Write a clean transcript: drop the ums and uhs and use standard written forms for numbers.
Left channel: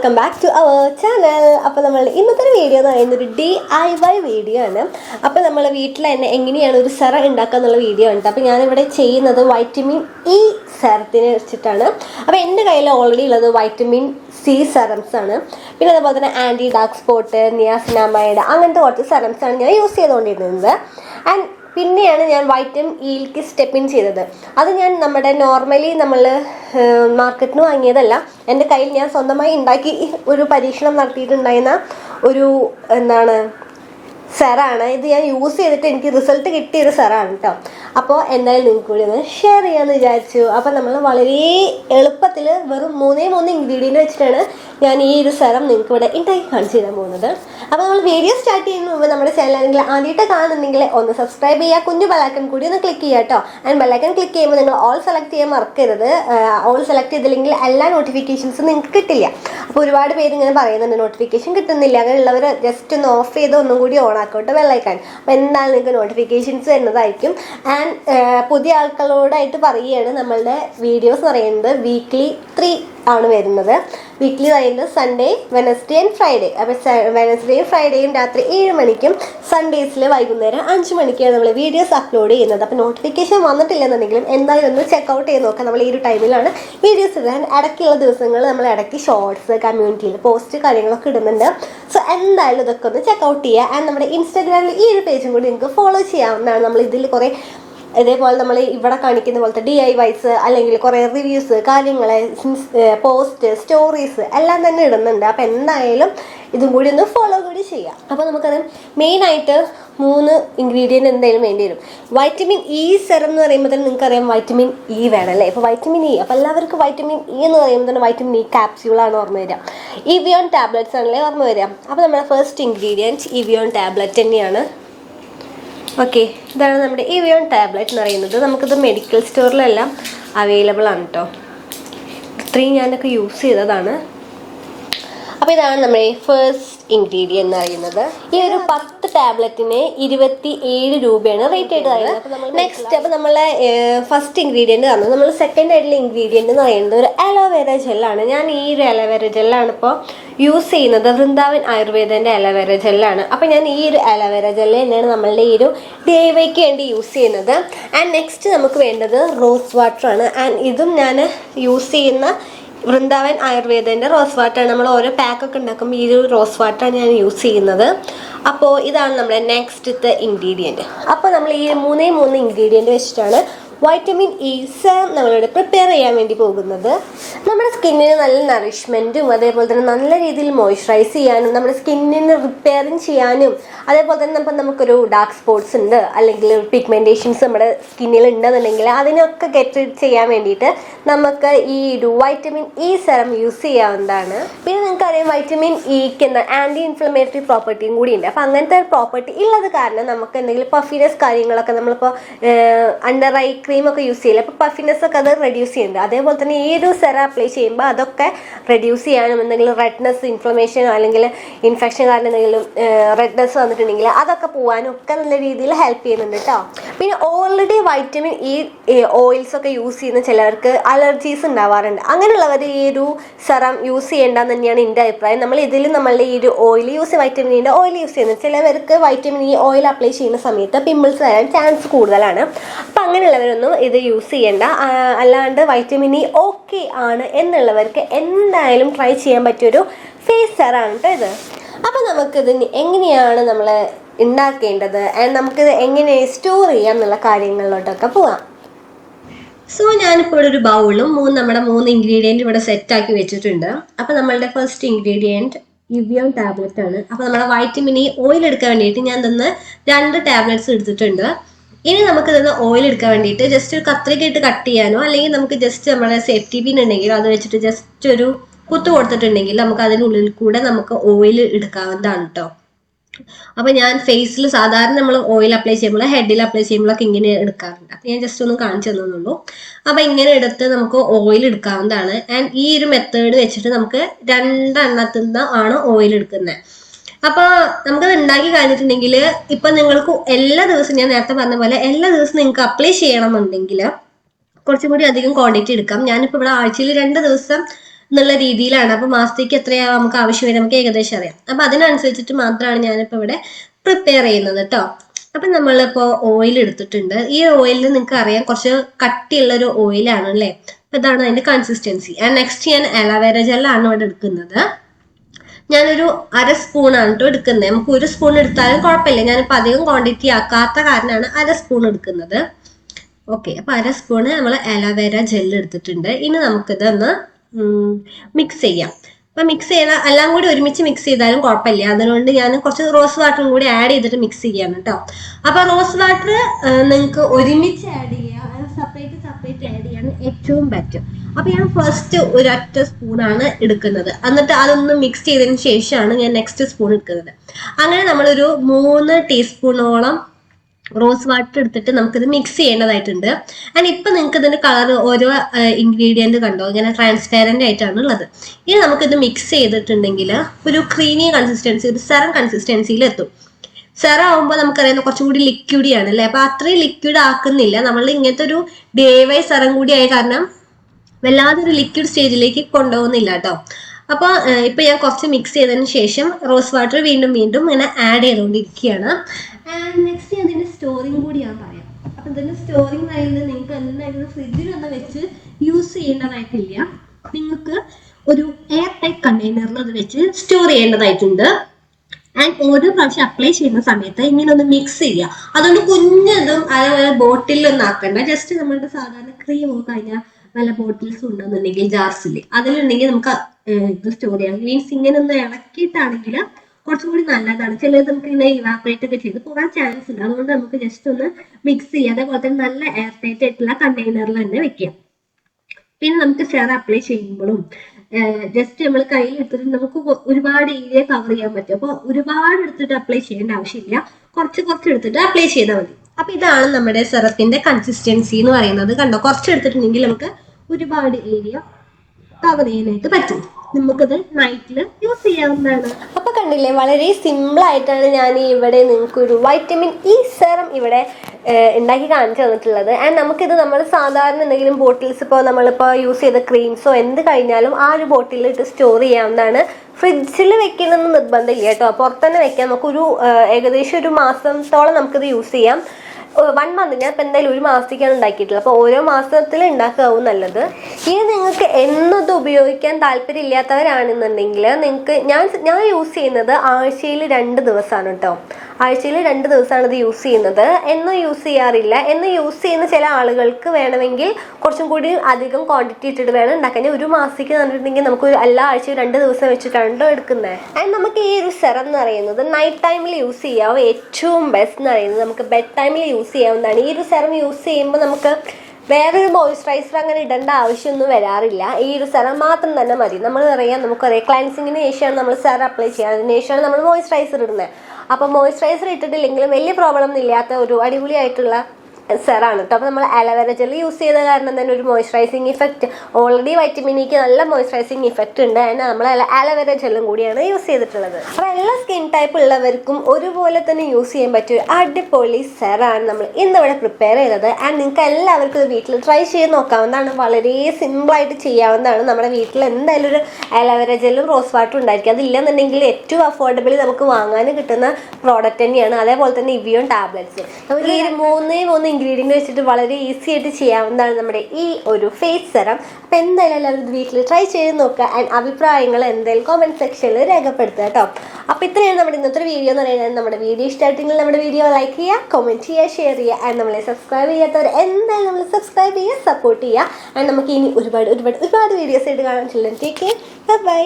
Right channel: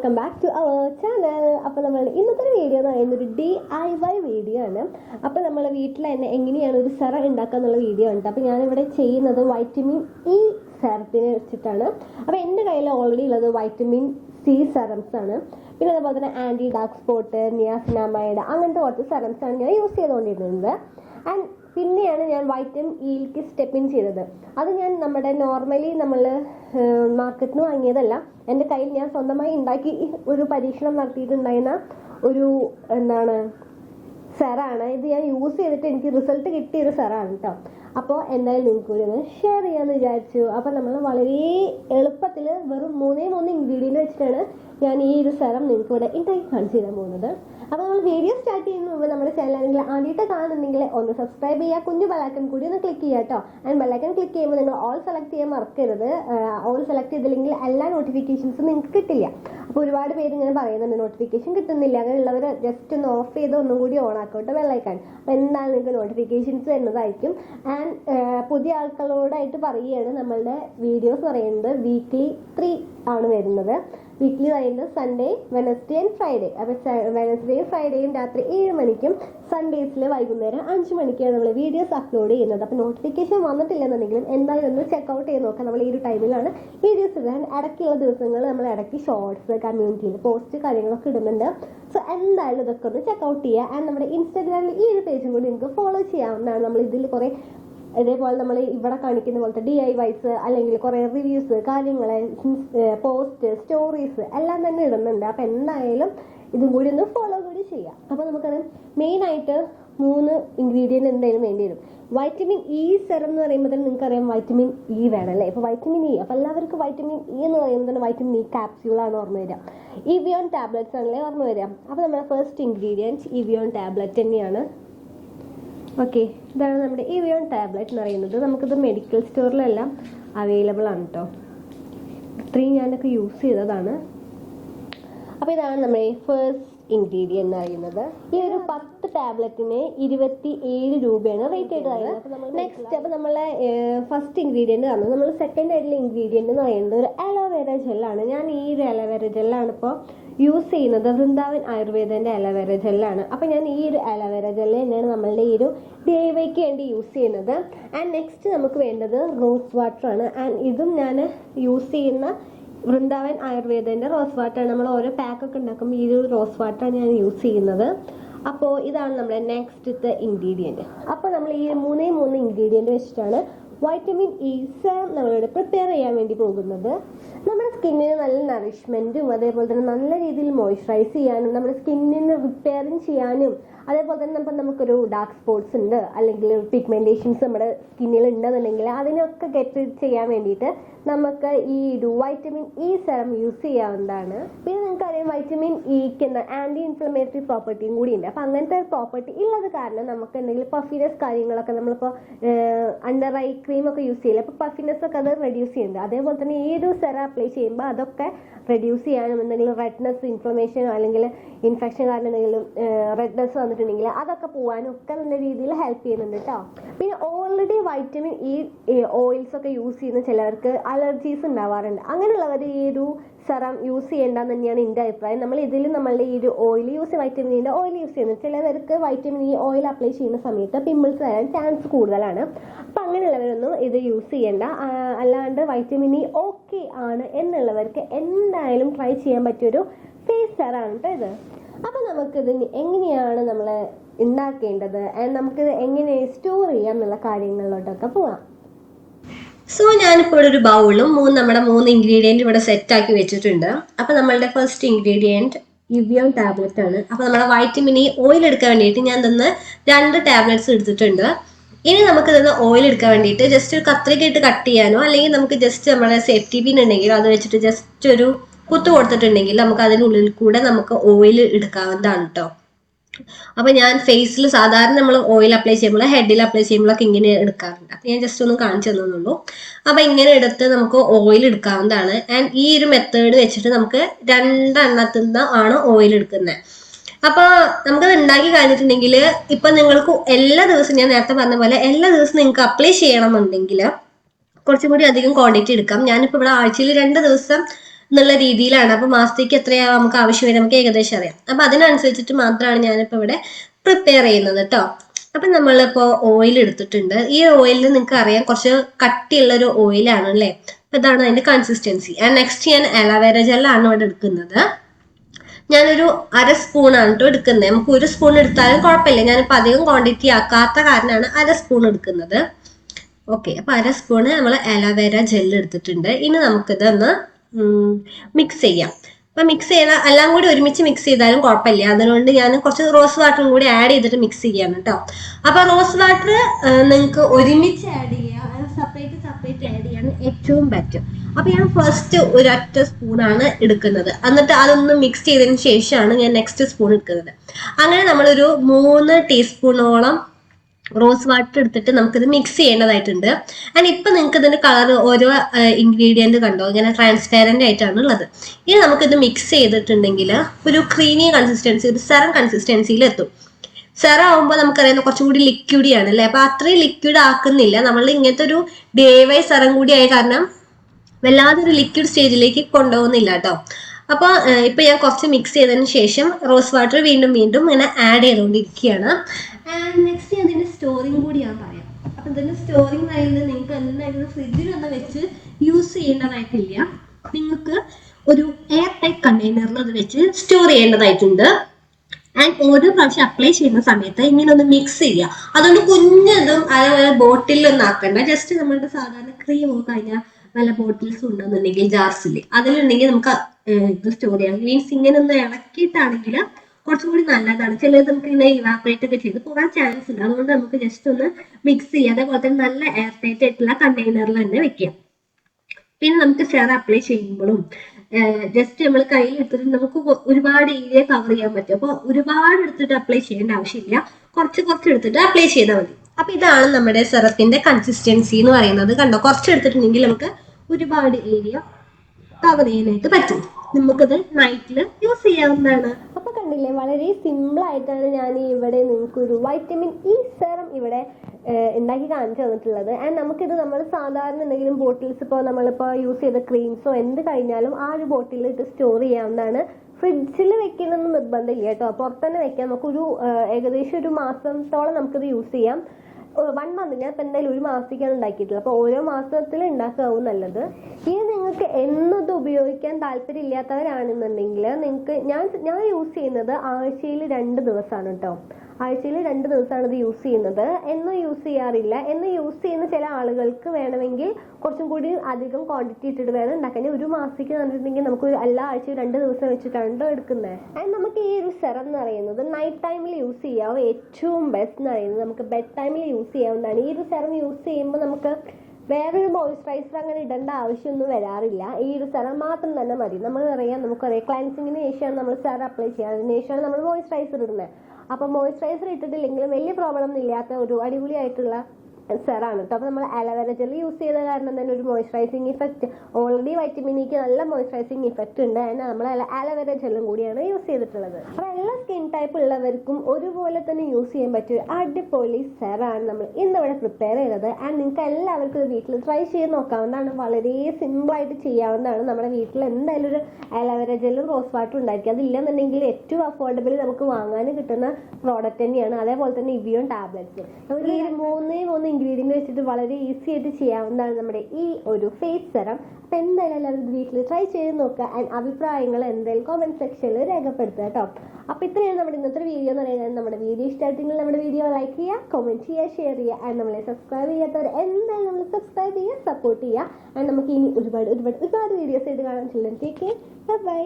welcome back to our channel. അപ്പോൾ നമ്മൾ ഇന്നത്തെ വീഡിയോ എന്ന് പറയുന്നത് ഒരു DIY വീഡിയോ ആണ്. അപ്പോൾ നമ്മൾ വീട്ടിൽ തന്നെ എങ്ങനെയാണ് ഒരു സെറം ഉണ്ടാക്കുക എന്നുള്ള വീഡിയോ ഉണ്ട്. അപ്പോൾ ഞാനിവിടെ ചെയ്യുന്നത് വൈറ്റമിൻ ഇ സെറത്തിനെ വെച്ചിട്ടാണ്. അപ്പോൾ എൻ്റെ കയ്യിൽ ഓൾറെഡി ഉള്ളത് വൈറ്റമിൻ സി സെറംസ് ആണ്. പിന്നെ അതുപോലെ തന്നെ ആൻറ്റി ഡാർക്ക് സ്പോട്ട്, നിയാസിനാമൈഡ് അങ്ങനത്തെ കുറച്ച് സെറംസ് ആണ് ഞാൻ യൂസ് ചെയ്തുകൊണ്ടിരുന്നത്. ആൻഡ് പിന്നെയാണ് ഞാൻ വൈറ്റമിൻ ഇയിലേക്ക് സ്റ്റെപ്പ് ഇൻ ചെയ്തത്. അത് ഞാൻ നമ്മുടെ നോർമലി നമ്മൾ മാർക്കറ്റിൽ നിന്ന് വാങ്ങിയതല്ല, എൻ്റെ കയ്യിൽ ഞാൻ സ്വന്തമായി ഉണ്ടാക്കി ഒരു പരീക്ഷണം നടത്തിയിട്ടുണ്ടായിരുന്ന ഒരു സെറാണ്. ഇത് ഞാൻ യൂസ് ചെയ്തിട്ട് എനിക്ക് റിസൾട്ട് കിട്ടിയൊരു സെറാണ് കേട്ടോ. അപ്പോൾ എന്തായാലും നിങ്ങൾക്ക് കൂടി ഒന്ന് ഷെയർ ചെയ്യാമെന്ന് വിചാരിച്ചു. അപ്പോൾ നമ്മൾ വളരെ എളുപ്പത്തിൽ വെറും 3 ഇൻഗ്രീഡിയൻറ്റ് വെച്ചിട്ടാണ് ഞാൻ ഈ ഒരു സെറം നിങ്ങൾക്ക് ഇവിടെ ഉണ്ടാക്കി കാണിച്ചു തരാൻ പോകുന്നത്. അപ്പോൾ നമ്മൾ വീഡിയോ സ്റ്റാർട്ട് ചെയ്യുന്ന മുമ്പ് നമ്മുടെ ചാനലാണെങ്കിൽ ആദ്യമായിട്ട് കാണുന്നുണ്ടെങ്കിൽ ഒന്ന് സബ്സ്ക്രൈബ് ചെയ്യുക, കുഞ്ഞു ബെല്ലൈക്കൺ കൂടി ഒന്ന് ക്ലിക്ക് ചെയ്യുക കേട്ടോ. ആൻഡ് ബെല്ലൈക്കൺ ക്ലിക്ക് ചെയ്യുമ്പോൾ നിങ്ങൾ ഓൾ സെലക്ട് ചെയ്യാൻ മറക്കരുത്. ഓൾ സെലക്ട് ചെയ്തില്ലെങ്കിൽ എല്ലാ നോട്ടിഫിക്കേഷൻസും നിങ്ങൾക്ക് കിട്ടില്ല. അപ്പോൾ ഒരുപാട് പേര് ഇങ്ങനെ പറയുന്നുണ്ട് നോട്ടിഫിക്കേഷൻ കിട്ടുന്നില്ല. അങ്ങനെയുള്ളവർ ജസ്റ്റ് ഒന്ന് ഓഫ് ചെയ്ത് ഒന്നും കൂടി ഓൺ ആക്കോട്ടെ ബെല്ലൈക്കൺ. അപ്പോൾ എന്തായാലും നിങ്ങൾക്ക് നോട്ടിഫിക്കേഷൻസ് വരുന്നതായിരിക്കും. ആൻഡ് പുതിയ ആൾക്കാരോടായിട്ട് പറയുകയാണ്, നമ്മളുടെ വീഡിയോസ് എന്ന് പറയുന്നത് വീക്ക്ലി 3 ആണ് വരുന്നത്. വീക്ക്ലി പറയുന്നത് സൺഡേ, വെനസ്ഡേ ആൻഡ് ഫ്രൈഡേ. അപ്പോൾ വെനസ്ഡേയും ഫ്രൈഡേയും രാത്രി 7 മണിക്കും സൺഡേസിൽ വൈകുന്നേരം 5 മണിക്കാണ് നമ്മൾ വീഡിയോസ് അപ്ലോഡ് ചെയ്യുന്നത്. അപ്പോൾ നോട്ടിഫിക്കേഷൻ വന്നിട്ടില്ലെന്നുണ്ടെങ്കിലും എന്തായാലും ഒന്ന് ചെക്കൗട്ട് ചെയ്ത് നോക്കാം. നമ്മൾ ഈ ഒരു ടൈമിലാണ് വീഡിയോസ് ഇടാൻ. ഇടയ്ക്കുള്ള ദിവസങ്ങൾ നമ്മൾ ഇടയ്ക്ക് ഷോർട്സ്, കമ്മ്യൂണിറ്റിയിൽ പോസ്റ്റ് കാര്യങ്ങളൊക്കെ ഇടുന്നുണ്ട്. സോ എന്തായാലും ഇതൊക്കെ ഒന്ന് ചെക്കൗട്ട് ചെയ്യുക. ആൻഡ് നമ്മുടെ ഇൻസ്റ്റാഗ്രാമിൽ ഈ ഒരു പേജും കൂടി നിങ്ങൾക്ക് ഫോളോ ചെയ്യാവുന്നതാണ്. നമ്മൾ ഇതിൽ കുറേ ഇതേപോലെ നമ്മൾ ഇവിടെ കാണിക്കുന്ന പോലത്തെ DIYs അല്ലെങ്കിൽ കുറേ റിവ്യൂസ്, കാര്യങ്ങൾ, പോസ്റ്റ്, സ്റ്റോറീസ് എല്ലാം തന്നെ ഇടുന്നുണ്ട്. അപ്പോൾ എന്തായാലും ഇതും കൂടി ഒന്ന് ഫോളോ കൂടി ചെയ്യാം. അപ്പോൾ നമുക്കറിയാം മെയിനായിട്ട് 3 ഇൻഗ്രീഡിയൻറ്റ് എന്തായാലും വേണ്ടി വരും. വൈറ്റമിൻ ഇ സെറം എന്ന് പറയുമ്പോൾ തന്നെ നിങ്ങൾക്കറിയാം വൈറ്റമിൻ ഇ വേണം അല്ലേ. ഇപ്പോൾ വൈറ്റമിൻ ഇ, അപ്പോൾ എല്ലാവർക്കും വൈറ്റമിൻ ഇ എന്ന് പറയുമ്പോൾ തന്നെ വൈറ്റമിൻ ഇ ക്യാപ്സ്യൂളാണ് ഓർമ്മ വരിക. EVION ടാബ്ലറ്റ്സ് ആണല്ലേ ഓർമ്മ വരിക. അപ്പോൾ നമ്മുടെ ഫസ്റ്റ് ഇൻഗ്രീഡിയൻറ്റ് EVION ടാബ്ലറ്റ് തന്നെയാണ്. ഓക്കെ, ഇതാണ് നമ്മുടെ EVION ടാബ്ലറ്റ് എന്ന് പറയുന്നത്. നമുക്കിത് മെഡിക്കൽ സ്റ്റോറിലെല്ലാം അവൈലബിൾ ആണ് കേട്ടോ. ഇത്രയും ഞാനൊക്കെ യൂസ് ചെയ്തതാണ്. അപ്പോൾ ഇതാണ് നമ്മുടെ ഫസ്റ്റ് ഇൻഗ്രീഡിയൻ്റ് എന്ന് പറയുന്നത്. ഈ ഒരു 10 ടാബ്ലറ്റിന് 27 രൂപയാണ് റേറ്റ് ആയിട്ട് പറയുന്നത്. നെക്സ്റ്റ് അപ്പോൾ നമ്മളെ ഫസ്റ്റ് ഇൻഗ്രീഡിയൻറ്റ് ആണ്. നമ്മൾ സെക്കൻഡ് ആയിട്ടുള്ള ഇൻഗ്രീഡിയൻറ്റ് എന്ന് പറയുന്നത് ഒരു അലോവേര ജെല്ലാണ്. ഞാൻ ഈ ഒരു അലോവേര ജെല്ലാണ് ഇപ്പോൾ യൂസ് ചെയ്യുന്നത്. വൃന്ദാവൻ ആയുർവേദൻ്റെ അലോവേര ജെല്ലാണ്. അപ്പോൾ ഞാൻ ഈ ഒരു അലോവേര ജെല്ല് തന്നെയാണ് നമ്മളുടെ ഈ ഒരു DIYക്ക് വേണ്ടി യൂസ് ചെയ്യുന്നത്. ആൻഡ് നെക്സ്റ്റ് നമുക്ക് വേണ്ടത് റോസ് വാട്ടറാണ്. ആൻഡ് ഇതും ഞാൻ യൂസ് ചെയ്യുന്ന വൃന്ദാവൻ ആയുർവേദൻ്റെ റോസ് വാട്ടറാണ്. നമ്മൾ ഓരോ പാക്കൊക്കെ ഉണ്ടാക്കുമ്പോൾ ഈ ഒരു റോസ് വാട്ടറാണ് ഞാൻ യൂസ് ചെയ്യുന്നത്. അപ്പോൾ ഇതാണ് നമ്മുടെ നെക്സ്റ്റത്തെ ഇൻഗ്രീഡിയൻറ്റ്. അപ്പോൾ നമ്മൾ ഈ 3 ഇൻഗ്രീഡിയൻറ്റ് വെച്ചിട്ടാണ് വൈറ്റമിൻ ഇ സെറം നമ്മളിവിടെ പ്രിപ്പയർ ചെയ്യാൻ വേണ്ടി പോകുന്നത്. നമ്മുടെ സ്കിന്നിന് നല്ല നറിഷ്മെൻറ്റും അതേപോലെ തന്നെ നല്ല രീതിയിൽ മോയ്സ്ചറൈസ് ചെയ്യാനും നമ്മുടെ സ്കിന്നിന് റിപ്പയറിങ് ചെയ്യാനും അതേപോലെ തന്നെ നമുക്കൊരു ഡാർക്ക് സ്പോട്ട്സ് ഉണ്ട് അല്ലെങ്കിൽ പിഗ്മെൻറ്റേഷൻസ് നമ്മുടെ സ്കിന്നിൽ ഉണ്ടെന്നുണ്ടെങ്കിൽ അതിനൊക്കെ ഗെറ്റ് ചെയ്യാൻ വേണ്ടിയിട്ട് നമുക്ക് ഈ ഒരു വൈറ്റമിൻ ഇ സെറം യൂസ് ചെയ്യാവുന്നതാണ്. പിന്നെ നിങ്ങൾക്കറിയാം വൈറ്റമിൻ ഇക്ക് എന്താ ആൻറ്റി ഇൻഫ്ലമേറ്ററി പ്രോപ്പർട്ടിയും കൂടി ഉണ്ട്. അപ്പോൾ അങ്ങനത്തെ ഒരു പ്രോപ്പർട്ടി ഉള്ളത് കാരണം നമുക്ക് എന്തെങ്കിലും പഫിനെസ് കാര്യങ്ങളൊക്കെ നമ്മളിപ്പോൾ അണ്ടർ ഐ ക്രീമൊക്കെ യൂസ് ചെയ്യില്ല, അപ്പോൾ പഫിനെസ് ഒക്കെ അത് റെഡ്യൂസ് ചെയ്യുന്നുണ്ട്. അതേപോലെ തന്നെ ഈ ഒരു സെറം അപ്ലൈ ചെയ്യുമ്പോൾ അതൊക്കെ റെഡ്യൂസ് ചെയ്യാനും എന്തെങ്കിലും റെഡ്നെസ്, ഇൻഫ്ലമേഷൻ അല്ലെങ്കിൽ ഇൻഫെക്ഷൻ കാരണം എന്തെങ്കിലും റെഡ്നെസ് വന്നിട്ടുണ്ടെങ്കിൽ അതൊക്കെ പോകാനും ഒക്കെ നല്ല രീതിയിൽ ഹെൽപ്പ് ചെയ്യുന്നുണ്ട് കേട്ടോ. പിന്നെ ഓൾറെഡി വൈറ്റമിൻ ഇ ഓയിൽസ് ഒക്കെ യൂസ് ചെയ്യുന്ന ചിലർക്ക് അലർജീസ് ഉണ്ടാവാറുണ്ട്. അങ്ങനെയുള്ളവർ ഈ ഒരു സെറം യൂസ് ചെയ്യേണ്ടെന്ന് തന്നെയാണ് എൻ്റെ അഭിപ്രായം. നമ്മൾ ഇതിൽ നമ്മളുടെ ഈ ഒരു ഓയിൽ വൈറ്റമിൻ ഇൻ്റെ ഓയിൽ യൂസ് ചെയ്യുന്നത് ചിലവർക്ക് വൈറ്റമിൻ ഇ ഓയിൽ അപ്ലൈ ചെയ്യുന്ന സമയത്ത് പിമ്പിൾസ് വരാൻ ചാൻസ് കൂടുതലാണ്. അപ്പോൾ അങ്ങനെയുള്ളവരൊന്നും ഇത് യൂസ് ചെയ്യേണ്ട. അല്ലാണ്ട് വൈറ്റമിൻ ഇ ഓക്കെ ആണ് എന്നുള്ളവർക്ക് എന്തായാലും ട്രൈ ചെയ്യാൻ പറ്റിയൊരു ഫേസ് സെറാണ് കേട്ടോ ഇത്. അപ്പോൾ നമുക്കിത് എങ്ങനെയാണ് നമ്മൾ ഉണ്ടാക്കേണ്ടത് ആൻഡ് നമുക്കിത് എങ്ങനെ സ്റ്റോർ ചെയ്യാം എന്നുള്ള കാര്യങ്ങളിലോട്ടൊക്കെ പോകാം. സോ ഞാനിപ്പോൾ ഇവിടെ ഒരു ബൗളും നമ്മുടെ 3 ഇൻഗ്രീഡിയൻറ്റ് ഇവിടെ സെറ്റാക്കി വെച്ചിട്ടുണ്ട്. അപ്പോൾ നമ്മളുടെ ഫസ്റ്റ് ഇൻഗ്രീഡിയൻറ്റ് EVION ടാബ്ലറ്റ് ആണ്. അപ്പോൾ നമ്മുടെ വൈറ്റമിൻ ഇ ഓയിൽ എടുക്കാൻ വേണ്ടിയിട്ട് ഞാൻ 2 ടാബ്ലറ്റ്സ് എടുത്തിട്ടുണ്ട്. ഇനി നമുക്ക് ഇതിന് ഓയിൽ എടുക്കാൻ വേണ്ടിയിട്ട് ജസ്റ്റ് ഒരു കത്രിക ഇട്ട് കട്ട് ചെയ്യാനോ അല്ലെങ്കിൽ നമുക്ക് ജസ്റ്റ് നമ്മുടെ സേഫ്റ്റി പിൻ ഉണ്ടെങ്കിൽ അത് വെച്ചിട്ട് ജസ്റ്റ് ഒരു കുത്ത് കൊടുത്തിട്ടുണ്ടെങ്കിൽ നമുക്ക് അതിനുള്ളിൽ കൂടെ നമുക്ക് ഓയിൽ എടുക്കാവുന്നതാണ് കേട്ടോ. അപ്പോൾ ഞാൻ ഫേസിൽ സാധാരണ നമ്മൾ ഓയിൽ അപ്ലൈ ചെയ്യുമ്പോൾ ഹെഡിൽ അപ്ലൈ ചെയ്യുമ്പോഴൊക്കെ ഇങ്ങനെ എടുക്കാറുണ്ട്. അപ്പോൾ ഞാൻ ജസ്റ്റ് ഒന്ന് കാണിച്ചു തന്നുള്ളൂ. അപ്പോൾ ഇങ്ങനെ എടുത്ത് നമുക്ക് ഓയിൽ എടുക്കാവുന്നതാണ്. ആൻഡ് ഈ ഒരു മെത്തേഡ് വെച്ചിട്ട് നമുക്ക് 2 എണ്ണത്തിൽ നിന്നാണ് ഓയിൽ എടുക്കുന്നത്. അപ്പോൾ നമുക്കത് ഉണ്ടാക്കി കഴിഞ്ഞിട്ടുണ്ടെങ്കിൽ ഇപ്പം നിങ്ങൾക്ക് എല്ലാ ദിവസവും ഞാൻ നേരത്തെ പറഞ്ഞ പോലെ എല്ലാ ദിവസവും നിങ്ങൾക്ക് അപ്ലൈ ചെയ്യണമെന്നുണ്ടെങ്കിൽ കുറച്ചും കൂടി അധികം ക്വാണ്ടിറ്റി എടുക്കാം. ഞാനിപ്പോൾ ഇവിടെ ആഴ്ചയിൽ 2 ദിവസം എന്നുള്ള രീതിയിലാണ്. അപ്പോൾ മാസത്തേക്ക് എത്രയാണ് നമുക്ക് ആവശ്യം വരും നമുക്ക് ഏകദേശം അറിയാം. അപ്പോൾ അതിനനുസരിച്ചിട്ട് മാത്രമാണ് ഞാനിപ്പോൾ ഇവിടെ പ്രിപ്പയർ ചെയ്യുന്നത് കേട്ടോ. അപ്പം നമ്മളിപ്പോൾ ഓയിൽ എടുത്തിട്ടുണ്ട്. ഈ ഓയിലിൽ നിങ്ങൾക്ക് അറിയാം കുറച്ച് കട്ടിയുള്ളൊരു ഓയിലാണ് അല്ലേ. ഇതാണ് അതിന്റെ കൺസിസ്റ്റൻസി. ആൻഡ് നെക്സ്റ്റ് ഞാൻ അലോവേര ജെല്ലാണ് ഇവിടെ എടുക്കുന്നത്. ഞാനൊരു 1/2 സ്പൂണാണ് കേട്ടോ എടുക്കുന്നത്. നമുക്ക് 1 സ്പൂൺ എടുത്താലും കുഴപ്പമില്ല. ഞാനിപ്പോൾ അധികം ക്വാണ്ടിറ്റി ആക്കാത്ത കാരണമാണ് 1/2 സ്പൂൺ എടുക്കുന്നത്. ഓക്കെ, അപ്പൊ 1/2 സ്പൂണ് നമ്മൾ അലോവേര ജെൽ എടുത്തിട്ടുണ്ട്. ഇനി നമുക്കിതൊന്ന് മിക്സ് ചെയ്യാം. അപ്പൊ മിക്സ് ചെയ്യണ എല്ലാം കൂടി ഒരുമിച്ച് മിക്സ് ചെയ്താലും കുഴപ്പമില്ല. അതുകൊണ്ട് ഞാൻ കുറച്ച് റോസ് വാട്ടറും കൂടി ആഡ് ചെയ്തിട്ട് മിക്സ് ചെയ്യാണ് കേട്ടോ. അപ്പൊ റോസ് വാട്ടർ നിങ്ങൾക്ക് ഒരുമിച്ച് ആഡ് ചെയ്യുക, സെപ്പറേറ്റ് ആഡ് ചെയ്യാണ് ഏറ്റവും ബെറ്റർ. അപ്പൊ ഞാൻ ഫസ്റ്റ് 1 സ്പൂണാണ് എടുക്കുന്നത്. എന്നിട്ട് അതൊന്ന് മിക്സ് ചെയ്തതിന് ശേഷമാണ് ഞാൻ നെക്സ്റ്റ് സ്പൂൺ എടുക്കുന്നത്. അങ്ങനെ നമ്മളൊരു 3 ടീസ്പൂണോളം റോസ് വാട്ടർ എടുത്തിട്ട് നമുക്കിത് മിക്സ് ചെയ്യേണ്ടതായിട്ടുണ്ട്. ആൻഡ് ഇപ്പൊ നിങ്ങൾക്ക് ഇതിന്റെ കളർ ഓരോ ഇൻഗ്രീഡിയന്റ് കണ്ടോ, ഇങ്ങനെ ട്രാൻസ്പാരന്റ് ആയിട്ടാണ് ഉള്ളത്. ഇനി നമുക്കിത് മിക്സ് ചെയ്തിട്ടുണ്ടെങ്കിൽ ഒരു ക്രീമി കൺസിസ്റ്റൻസി, ഒരു സെറം കൺസിസ്റ്റൻസിയിൽ എത്തും. സെറം ആവുമ്പോൾ നമുക്കറിയാം കുറച്ചും കൂടി ലിക്വിഡി ആണ് അല്ലേ. അപ്പൊ അത്രയും ലിക്വിഡ് ആക്കുന്നില്ല നമ്മൾ. ഇങ്ങനത്തെ ഒരു ഡേവൈ സെറം കൂടി ആയ കാരണം വല്ലാതെ ഒരു ലിക്വിഡ് സ്റ്റേജിലേക്ക് കൊണ്ടുപോകുന്നില്ല കേട്ടോ. അപ്പൊ ഇപ്പൊ ഞാൻ കുറച്ച് മിക്സ് ചെയ്തതിന് ശേഷം റോസ് വാട്ടർ വീണ്ടും ഇങ്ങനെ ആഡ് ചെയ്തുകൊണ്ടിരിക്കുകയാണ്. ആൻഡ് നെക്സ്റ്റ് ഞാൻ ഇതിന്റെ സ്റ്റോറിങ് കൂടി ഞാൻ പറയാം. അപ്പൊ ഇതിന്റെ സ്റ്റോറിങ് പറയുന്നത് നിങ്ങൾക്ക് എന്തായാലും ഫ്രിഡ്ജിലൊന്നും വെച്ച് യൂസ് ചെയ്യേണ്ടതായിട്ടില്ല. നിങ്ങൾക്ക് ഒരു എയർ ടൈറ്റ് കണ്ടെയ്നറിൽ അത് വെച്ച് സ്റ്റോർ ചെയ്യേണ്ടതായിട്ടുണ്ട്. ആൻഡ് ഓരോ പ്രാവശ്യം അപ്ലൈ ചെയ്യുന്ന സമയത്ത് ഇങ്ങനെ ഒന്ന് മിക്സ് ചെയ്യുക. അതുകൊണ്ട് കുഞ്ഞതും അതേപോലെ ബോട്ടിലൊന്നും ആക്കണ്ട. ജസ്റ്റ് നമ്മളുടെ സാധാരണ ക്രീമോ കഴിഞ്ഞാൽ നല്ല ബോട്ടിൽസ് ഉണ്ടെന്നുണ്ടെങ്കിൽ ജാർസിൽ അതിലുണ്ടെങ്കിൽ നമുക്ക് ഇത് സ്റ്റോർ ചെയ്യാം. മീൻസ് ഇങ്ങനെ ഒന്ന് ഇളക്കിയിട്ടാണെങ്കിൽ കുറച്ചും കൂടി നല്ലതാണ്. ചിലത് നമുക്ക് ഇങ്ങനെ ഇവാപറേറ്റ് ഒക്കെ ചെയ്ത് പോകാൻ ചാൻസ് ഉണ്ട്. അതുകൊണ്ട് നമുക്ക് ജസ്റ്റ് ഒന്ന് മിക്സ് ചെയ്യുക. അതേപോലെ തന്നെ നല്ല എയർ ടൈറ്റ് ആയിട്ടുള്ള കണ്ടെയ്നറിൽ തന്നെ വെക്കാം. പിന്നെ നമുക്ക് സെറം അപ്ലൈ ചെയ്യുമ്പോഴും ജസ്റ്റ് നമ്മൾ കയ്യിൽ എടുത്തിട്ട് നമുക്ക് ഒരുപാട് ഏരിയ കവർ ചെയ്യാൻ പറ്റും. അപ്പോൾ ഒരുപാട് എടുത്തിട്ട് അപ്ലൈ ചെയ്യേണ്ട ആവശ്യമില്ല. കുറച്ച് എടുത്തിട്ട് അപ്ലൈ ചെയ്താൽ മതി. അപ്പൊ ഇതാണ് നമ്മുടെ സെറത്തിന്റെ കൺസിസ്റ്റൻസി എന്ന് പറയുന്നത്. കണ്ടോ, കുറച്ച് എടുത്തിട്ടുണ്ടെങ്കിൽ നമുക്ക് ഒരുപാട് ഏരിയ കവർ ചെയ്യാനായിട്ട് പറ്റും. നമുക്കത് നൈറ്റിൽ യൂസ് ചെയ്യാവുന്നതാണ്. അപ്പൊ കണ്ടില്ലേ, വളരെ സിമ്പിൾ ആയിട്ടാണ് ഞാൻ ഇവിടെ നിങ്ങൾക്കൊരു വൈറ്റമിൻ ഇ സെറം ഇവിടെ ഉണ്ടാക്കി കാണിച്ചു തന്നിട്ടുള്ളത്. ആൻഡ് നമുക്കിത് നമ്മൾ സാധാരണ എന്തെങ്കിലും ബോട്ടിൽസ് ഇപ്പോൾ നമ്മളിപ്പോൾ യൂസ് ചെയ്ത ക്രീംസോ എന്ത് കഴിഞ്ഞാലും ആ ഒരു ബോട്ടിലിൽ ഇട്ട് സ്റ്റോർ ചെയ്യാവുന്നതാണ്. ഫ്രിഡ്ജിൽ വെക്കണമെന്ന് നിർബന്ധമില്ല കേട്ടോ. പുറത്ത് തന്നെ വെക്കാം. നമുക്കൊരു ഏകദേശം ഒരു മാസത്തോളം നമുക്കിത് യൂസ് ചെയ്യാം. 1 മന്ത്. ഞാൻ ഇപ്പം എന്തായാലും 1 മാസത്തേക്കാണ് ഉണ്ടാക്കിയിട്ടുള്ളത്. അപ്പോൾ ഓരോ മാസത്തിൽ ഉണ്ടാക്കാവും നല്ലത്. ഇനി നിങ്ങൾക്ക് എന്നത് ഉപയോഗിക്കാൻ താല്പര്യം ഇല്ലാത്തവരാണെന്നുണ്ടെങ്കിൽ നിങ്ങൾക്ക് ഞാൻ യൂസ് ചെയ്യുന്നത് ആഴ്ചയിൽ 2 ദിവസമാണ് കേട്ടോ. ആഴ്ചയിൽ 2 ദിവസമാണ് ഇത് യൂസ് ചെയ്യുന്നത്. എന്നും യൂസ് ചെയ്യാറില്ല. എന്നും യൂസ് ചെയ്യുന്ന ചില ആളുകൾക്ക് വേണമെങ്കിൽ കുറച്ചും കൂടി അധികം ക്വാണ്ടിറ്റി ഇട്ടിട്ട് വേണം ഉണ്ടാക്കാൻ. 1 മാസത്തേക്ക് പറഞ്ഞിട്ടുണ്ടെങ്കിൽ നമുക്ക് എല്ലാ ആഴ്ചയും 2 ദിവസം വെച്ചിട്ടാണ് എടുക്കുന്നത്. ആൻഡ് നമുക്ക് ഈ ഒരു സെറം എന്ന് പറയുന്നത് നൈറ്റ് ടൈമിൽ യൂസ് ചെയ്യാവും. ഏറ്റവും ബെസ്റ്റ് എന്ന് പറയുന്നത് നമുക്ക് ബെഡ് ടൈമിൽ യൂസ് ചെയ്യാവുന്നതാണ്. ഈ ഒരു സെറം യൂസ് ചെയ്യുമ്പോൾ നമുക്ക് വേറൊരു മോയ്സ്ചറൈസർ അങ്ങനെ ഇടേണ്ട ആവശ്യമൊന്നും വരാറില്ല. ഈ ഒരു സെറം മാത്രം തന്നെ മതി. നമുക്കറിയാം ക്ലൻസിങ്ങിന് ശേഷമാണ് നമ്മൾ സെറം അപ്ലൈ ചെയ്യുക. അതിന് ശേഷമാണ് നമ്മൾ മോയ്സ്ചറൈസർ ഇടുന്നത്. അപ്പോൾ മോയ്സ്ചറൈസർ ഇട്ടിട്ടില്ലെങ്കിലും വലിയ പ്രോബ്ലം ഒന്നും ഇല്ലാത്ത ഒരു അടിപൊളിയായിട്ടുള്ള സെറാണ് കേട്ടോ. അപ്പോൾ നമ്മൾ അലോവേര ജെൽ യൂസ് ചെയ്ത കാരണം തന്നെ ഒരു മോയ്സ്ചറൈസിങ് ഇഫക്റ്റ്, ഓൾറെഡി വൈറ്റമിൻ ഇക്ക് നല്ല മോയ്സ്ചറൈസിങ് ഇഫക്റ്റ് ഉണ്ട്. അതിന് നമ്മൾ അലോവേര ജെല്ലും കൂടിയാണ് യൂസ് ചെയ്തിട്ടുള്ളത്. അപ്പോൾ എല്ലാ സ്കിൻ ടൈപ്പ് ഉള്ളവർക്കും ഒരുപോലെ തന്നെ യൂസ് ചെയ്യാൻ പറ്റിയ അടിപൊളി സെറാണ് നമ്മൾ ഇന്നിവിടെ പ്രിപ്പയർ ചെയ്തത്. ആൻഡ് നിങ്ങൾക്ക് എല്ലാവർക്കും ഇത് വീട്ടിൽ ട്രൈ ചെയ്ത് നോക്കാവുന്നതാണ്. വളരെ സിമ്പിളായിട്ട് ചെയ്യാവുന്നതാണ്. നമ്മുടെ വീട്ടിൽ എന്തായാലും ഒരു അലോവേര ജെല്ലും റോസ് വാട്ടറും ഉണ്ടായിരിക്കും. അതില്ലെന്നുണ്ടെങ്കിൽ ഏറ്റവും അഫോർഡബിളി നമുക്ക് വാങ്ങാൻ കിട്ടുന്ന പ്രോഡക്റ്റ് തന്നെയാണ്. അതേപോലെ തന്നെ ഇവിയോൺ ടാബ്ലറ്റ്സ്. നമുക്ക് ഈ 3 ഇൻഗ്രീഡിയൻറ്റ് വെച്ചിട്ട് വളരെ ഈസി ആയിട്ട് ചെയ്യാവുന്നതാണ് നമ്മുടെ ഈ ഒരു ഫേസ് സെറം. അപ്പം എന്തായാലും എല്ലാവരും വീട്ടിൽ ട്രൈ ചെയ്ത് നോക്കുക. ആൻഡ് അഭിപ്രായങ്ങൾ എന്തായാലും കോമെൻറ്റ് സെക്ഷനിൽ രേഖപ്പെടുത്തുക കേട്ടോ. അപ്പോൾ ഇത്രയാണ് നമ്മുടെ ഇന്നത്തെ വീഡിയോ എന്ന് പറയുന്നത്. നമ്മുടെ വീഡിയോ ഇഷ്ടമായിട്ടെങ്കിൽ നമ്മുടെ വീഡിയോ ലൈക്ക് ചെയ്യുക, കമൻറ്റ് ചെയ്യുക, ഷെയർ ചെയ്യുക. ആൻഡ് നമ്മളെ സബ്സ്ക്രൈബ് ചെയ്യാത്തവർ എന്തായാലും നമ്മൾ സബ്സ്ക്രൈബ് ചെയ്യുക, സപ്പോർട്ട് ചെയ്യുക. ആൻഡ് നമുക്ക് ഇനി ഒരുപാട് വീഡിയോസ് ആയിട്ട് കാണാൻ. Take care, by.